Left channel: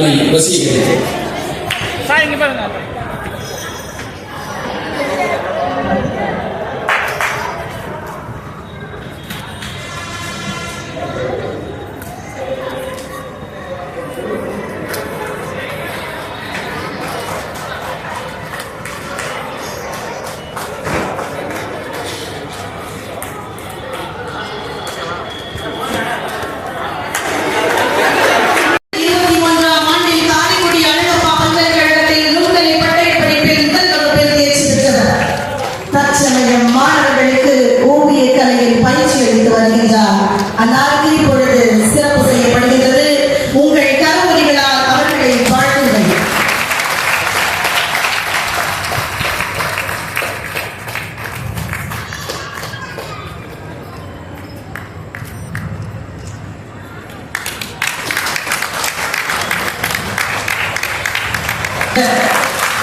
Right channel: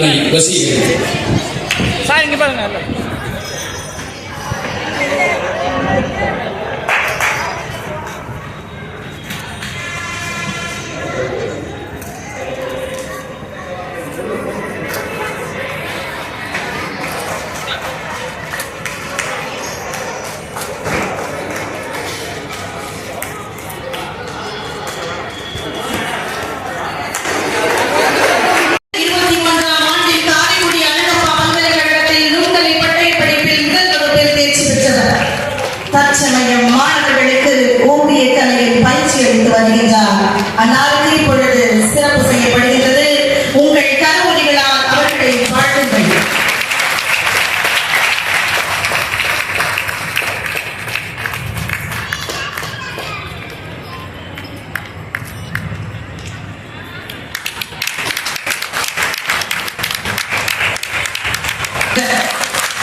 அன்னை வசீகரி.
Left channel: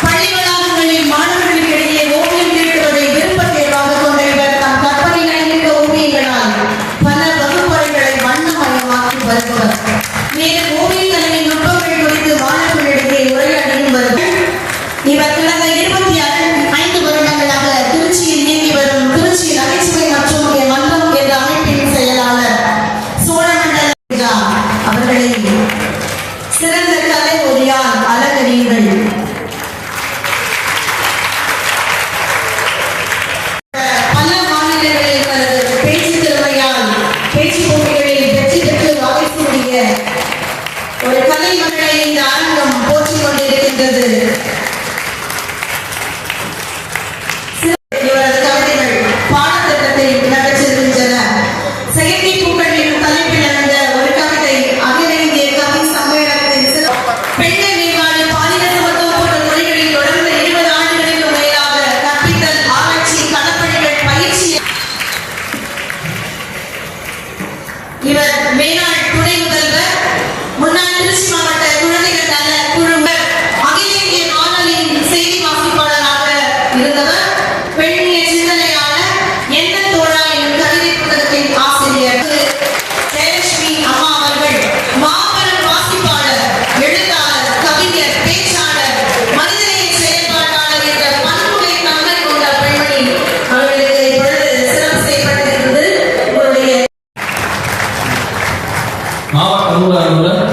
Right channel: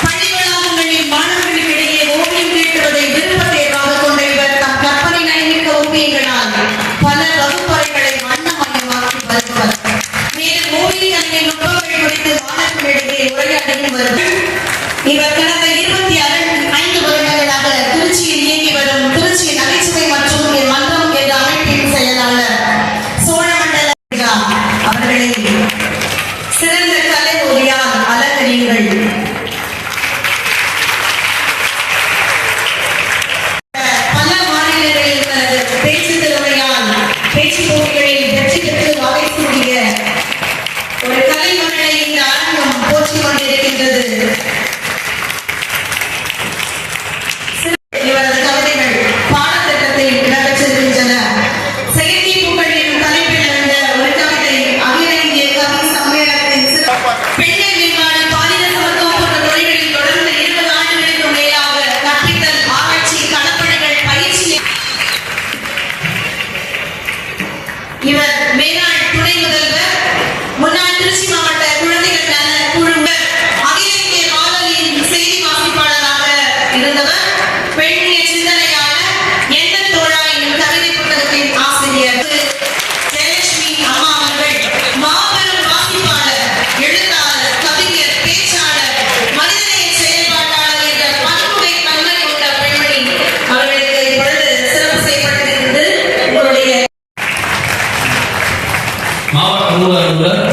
பள்ளிவளாகங்களில் மாணவர்களுக்கிடையே ஓவியம் தீட்டுவதை விருப்ப தேர்வாக கொண்ட இவர் தம் கற்பனை நயமிக்க ஓவியங்களால் பல வகுப்பறைகளை வண்ணமயமாக்கி வருபவர். மேலும் ஓவிய கல்வி நுட்பங்கள் குறித்து மாணவர்களிடையே உரையாடியும் வருவர். இவர் கடந்த 25 வருடங்களாக திருச்சியில் இயங்கி வரும் திருச்சி நகைச்சுவை மற்றும் மன்றம் என்ற அமைப்பின் செயலாளர் சோழமண்டல அவர்களை சிறந்த கலை ஓவியார் அலங்கரியுங்கள். பல மாநிலங்களில் தனது பேச்சு திறமையால் பேச்சு போட்டிகளில் வெற்றி பெற்று வகை சூடிய ஒரு கலை மகளை இந்த அரங்கம் போற்றிக் கொண்டிருக்கின்றது. இவரது கவிதைகள் பாடத்திட்டத்தில் இடம்பெற்றிருக்கின்றன. செயற்கை பூக்களின் தலைப்பில் நடந்த ஒரு கவிதை அகில இந்திய கவி சம்மேளனத்தின் பெண்கள் மேம்பாடு, பாலின சமத்துவம் போன்ற துறைகளில் தொடர்ந்து 20 ஆண்டுகளுக்கு மேலாக கற்பித்தல், ஆராய்ச்சி, களப்பணிகள், பயிற்சி. இவர் மேனாள் துணை முதல்வர், முன்னாள் திருச்சி மாவட்ட குழந்தைகள் நல குழுவர், அகில இந்திய வானொலியின் செய்தி வாசிப்பாளராக இருந்தவர், பெண்ணிய சிந்தனையாளர், எந்த தோழா எனும் கவிதை புத்தகத்தின் ஆசிரியர். ஜெயலட்சுமி அம்மா அவர்கள் மாபெரும் வாசிப்பாளர், எழுத்தாளர், கவிஞர், பேச்சாளர், மனிதநேய செயல்பாட்டாளர் என்ற பன்முறை தன்மை கொண்ட பெண்மணி. அவர்களுக்கு இப்பொழுது சிறப்பு செய்யப்பட்டிருக்கிறது. உங்களுடைய மாவட்ட நூல் அலுவலர்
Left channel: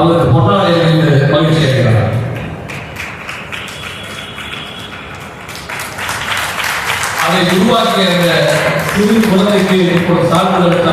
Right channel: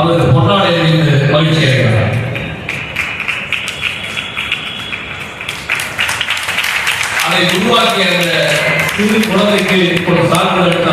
அவருக்கு பொன்னாடை அணிந்து மகிழ்ச்சி அடைகிறார். அதை உருவாக்கிய அந்த சிறு குழந்தைக்கு ஒரு சான்றிதழ்